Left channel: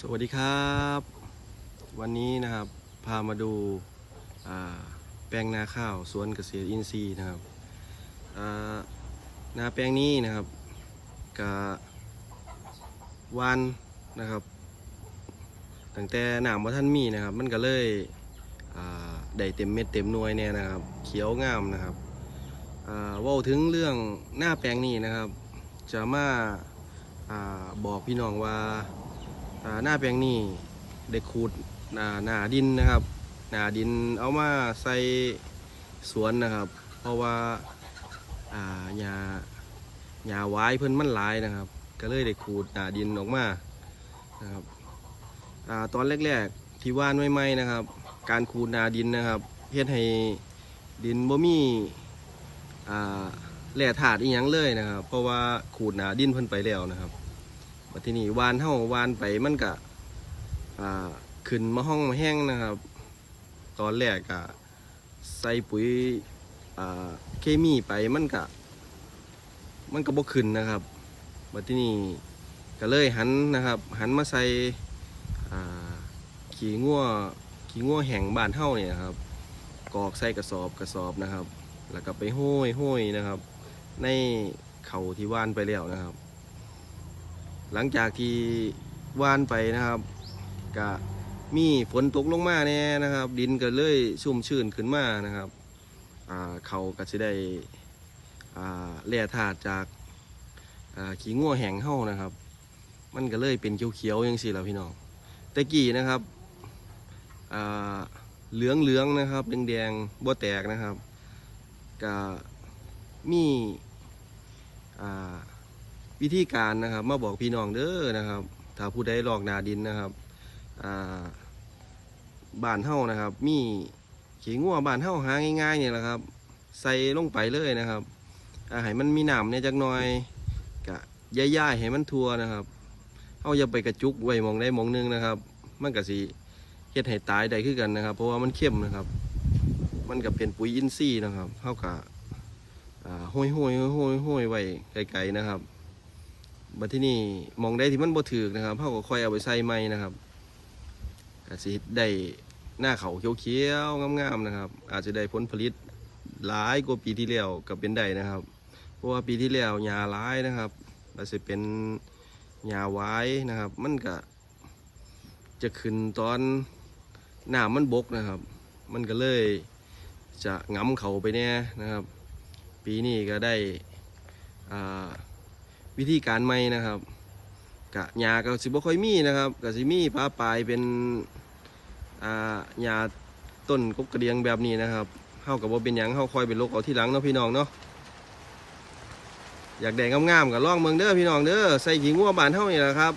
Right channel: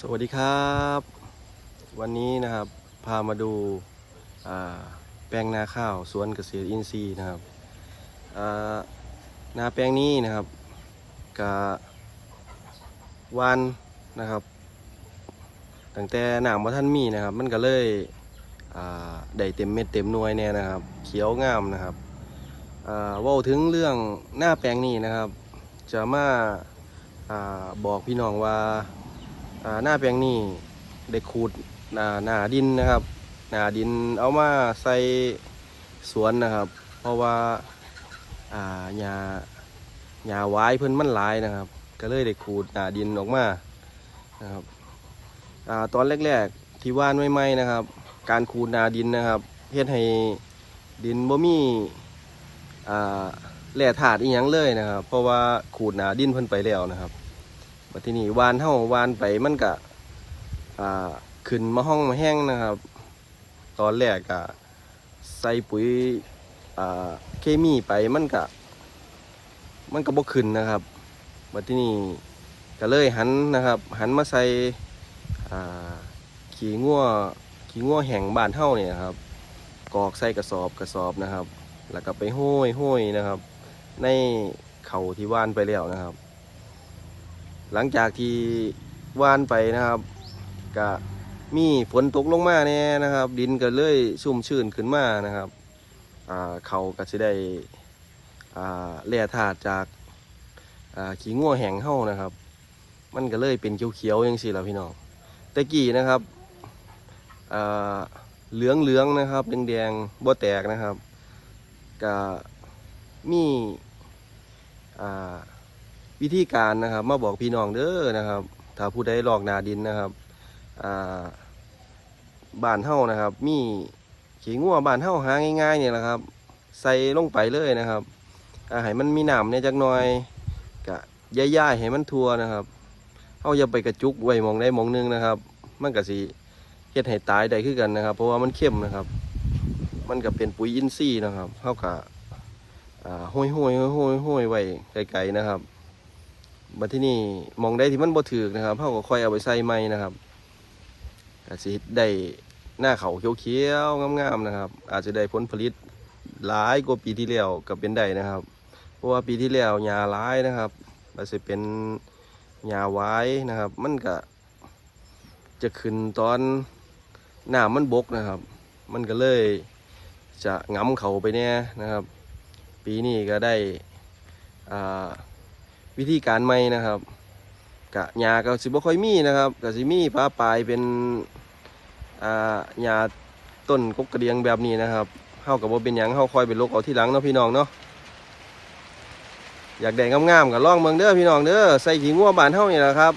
สวัสดีครับ วันนี้นะครับพามาดูาแปลงนาข้าวสวนเกษตรอินทรีย์นะครับานาแปลงนี้นะครับกะวานนะครับตั้งแต่หนามว่าท่านมีนะครับ มันก็เลยได้เต็มเม็ดเต็มหน่วยเนี่ยนะครับ เขียวงามนะครับว่าถึงเรื่องหน้าแปลงนี้นะครับ จะมาอาบอกพี่น้องว่า หน้าแปลงนี่ได้ขูดหนาหนาดินนะครับ หนาดินเอามาใส่สวนนะครับ เพราะว่าอ่าหญ้าหญ้าไว้เพิ่นมันหลายนะครับ ก็เลยได้ขูดหนาดินออกมานะครับอ่าตอนแรกๆที่ว่านใหม่ๆนะครับ การขูดหนาดินนะครับเฮ็ดให้ดินบ่มีอ่าแร่ธาตุอีหยังเลยนะครับ เพราะว่าขูดหนาดินเพิ่นไปแล้วนะครับ บัดทีนี้วานเท่าวานไปมันกะอ่าขึ้นมาห้องมาแห้งนะครับ ตอนแรกกะใส่ปุ๋ยอ่าเคมีไปมันกะมันก็บ่ขึ้นนะครับบัดทีนี้ก็เลยหันนะครับ หันมาใส่อ่าขี้งัวขี้งัวแห้งบ้านเท่าเนี่ยครับกรอกใส่กระสอบกระสอบนะครับ แล้วก็ไปห้อยห้อยนะครับ ในเขาที่ว่านไปแล้วนะครับ หลังจากที่วานไปนะครับก็มีฝนตกลงมาเนี่ยนะครับ ดินก็เลยชุ่มชื้นขึ้นมานะครับเขาก็จะได้แร่ธาตุจากขี้งัวแห้งเฮานะครับ มันก็เลยเป็นเขียวๆอย่างสิล่ะพี่น้องแต่กี้นะครับเหลืองเหลืองๆนะครับแดงๆบ่แตกนะครับก็มีอ่า วิธีการนะครับ มาบอกพี่น้องเด้อนะครับ ถ้าผู้ใดลอกนาดินนะครับอ่าบ้านเฮานะครับ มีขี้งัวบ้านเฮาหาง่ายๆเนี่ยแหละครับ ใส่ลงไปเลยนะครับอาให้มันมีหน้ำเนี่ยจักหน่อยกะย่ายๆให้มันทั่วนะครับเฮาอย่าไปกระจุกไว้มองใดหมองหนึงนะครับ มันก็สิเฮ็ดให้ตายได้คือกันนะครับ เพราะว่ามันเข้มนะครับ มันก็เป็นปุ๋ยอินทรีย์นะครับเฮากะอ่าห้อยห้อยๆห้อยๆห้อยๆไว้ไกลๆนะครับ บัดที่นี่มองได้ที่มันบ่ถือนะครับเขาก็ค่อยเอาไปใส่ไม้นะครับอาจจะได้หน้าเขาเขียวๆงามๆนะครับ อาจจะได้ผลผลิตหลายกว่าปีที่แล้วก็เป็นได้นะครับ เพราะว่าปีที่แล้วหญ้าหลายนะครับอาจจะเป็นหญ้าไว้นะครับ มันก็จะขึ้นตอนหน้ามันบกนะครับ มันก็เลยจะงำเขาไปเนี่ยนะครับ ปีนี้ก็ได้อ่า วิธีการใหม่นะครับกะหญ้าก็สิบ่ค่อยมีนะครับก็สิมีปลาปลายเป็นอ่าหญ้าต้นกกกระเดียงแบบนี้นะครับเฮากับว่าเป็นหยังเฮาคอยเป็นโรคเอาที่หลังเนาะพี่น้องเนาะอยากแดงงามๆกับล่องเมืองเด้อพี่น้องเด้อใส่ขี้ง่วบานเท่านี่แหละครับ